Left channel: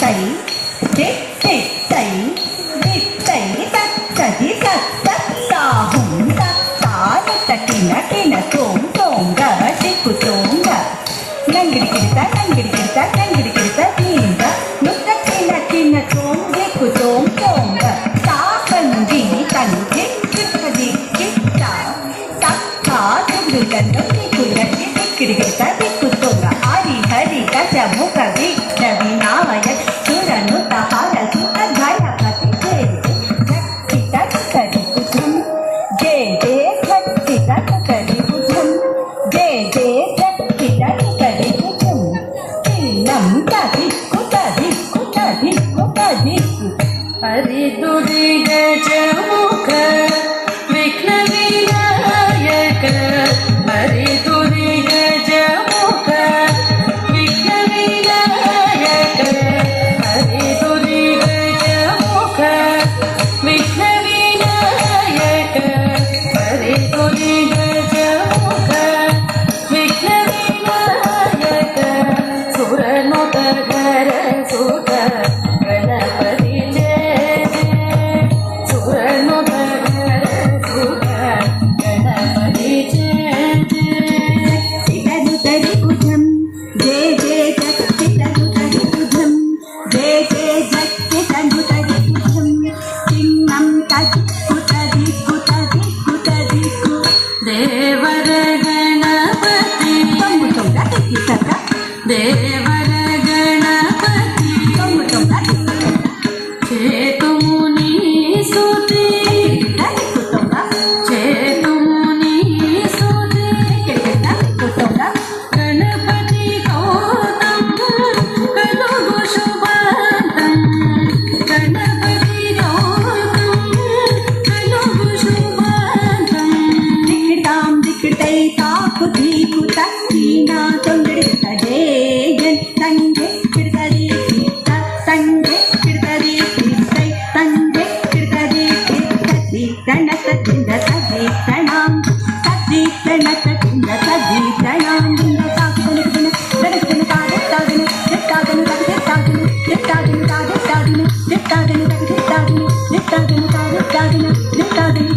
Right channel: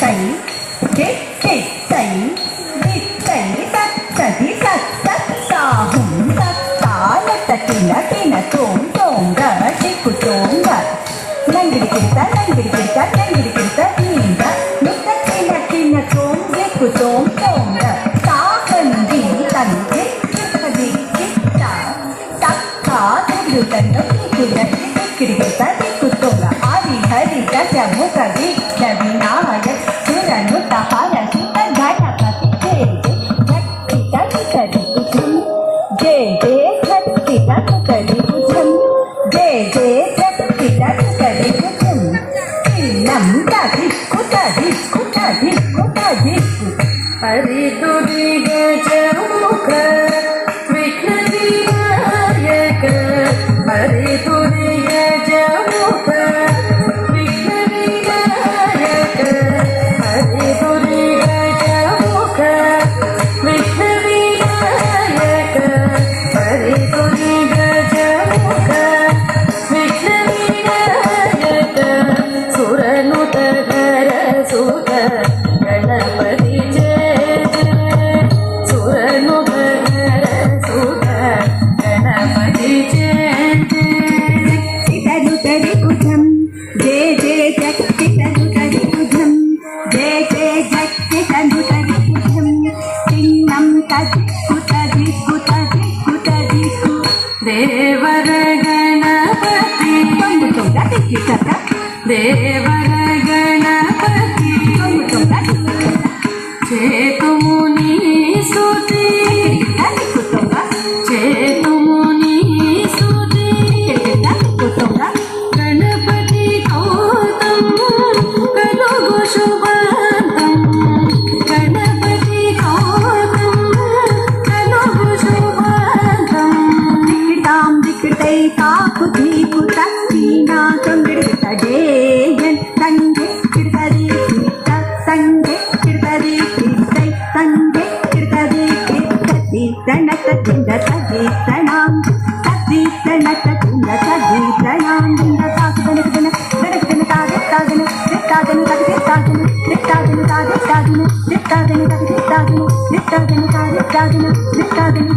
తై కెట్టె తై దిట్టై తత్తది తత్త సాహుం తత్తాల తకిన కిన తోం తోంగ చిక్కు తోంగ నంగిడి కిట నంగిడి కిట నీంద ముద్ద కిన కిన తోం దిక్కు తోం తోంగ తాకంది తంగి చిక్కది కిట్ట తత్తా దిగ్గు తండ దిక్కులకి దిక్కిడి కిట దిక్కు తోంగ హరి హరి గజ ముఖ విఘ్న వినాయక సురను తహల సుఖ గణపతి జయ జక్తి తక్కడి కుజం జయ జయ జక్తి తక్కడి కుజం జయ జయ జక్తి తక్కడి కుజం చిన్నం తదిక్కు తదిక్కు తదిక్కు తదిక్కు హరి తుది గజముఖ విఘ్న వినాయక హరి తుది గజముఖ విఘ్న వినాయక హరి తుది గజముఖ విఘ్న వినాయక హరి తుది గజముఖ విఘ్న వినాయక సురనుత ధర సుత గణపతి జయ జయ సురనుత ధర సుత గణపతి జయ జయ ఇతను తడి కుజం జయ జయ జక్తి తను తడి కుజం జయ జయ జక్తి తను తడి కుజం చిన్నం తదిక్కు తదిక్కు తదిక్కు తదిక్కు దేవర గణపతి దేవర గణపతి చేతుముని సుతి చేతుముని సుతి గణపతి గౌతం కలుగు శుభాంతం గణపతి గౌతం కలుగు శుభాంతం దిక్కిటాం దిక్కిటై తాకు దీకు తక్కీనా తొంగిడితదేయన్ తంగే కిడతది కిట్ట తంగే కిడతది కిట్టై తంగే కిడతది కిట్టది గణక దింద తది గణాం తది గణక దింద తది గణాం దింద తాకు దిన దిన తాది తాదిన దిత్తాదిన తది దిత్తాదిన దిత్తాదిన తాది తాదిన దిత్తాదిన తది దిత్తాదిన దిత్తాదిన తాది తాదిన దిత్తాదిన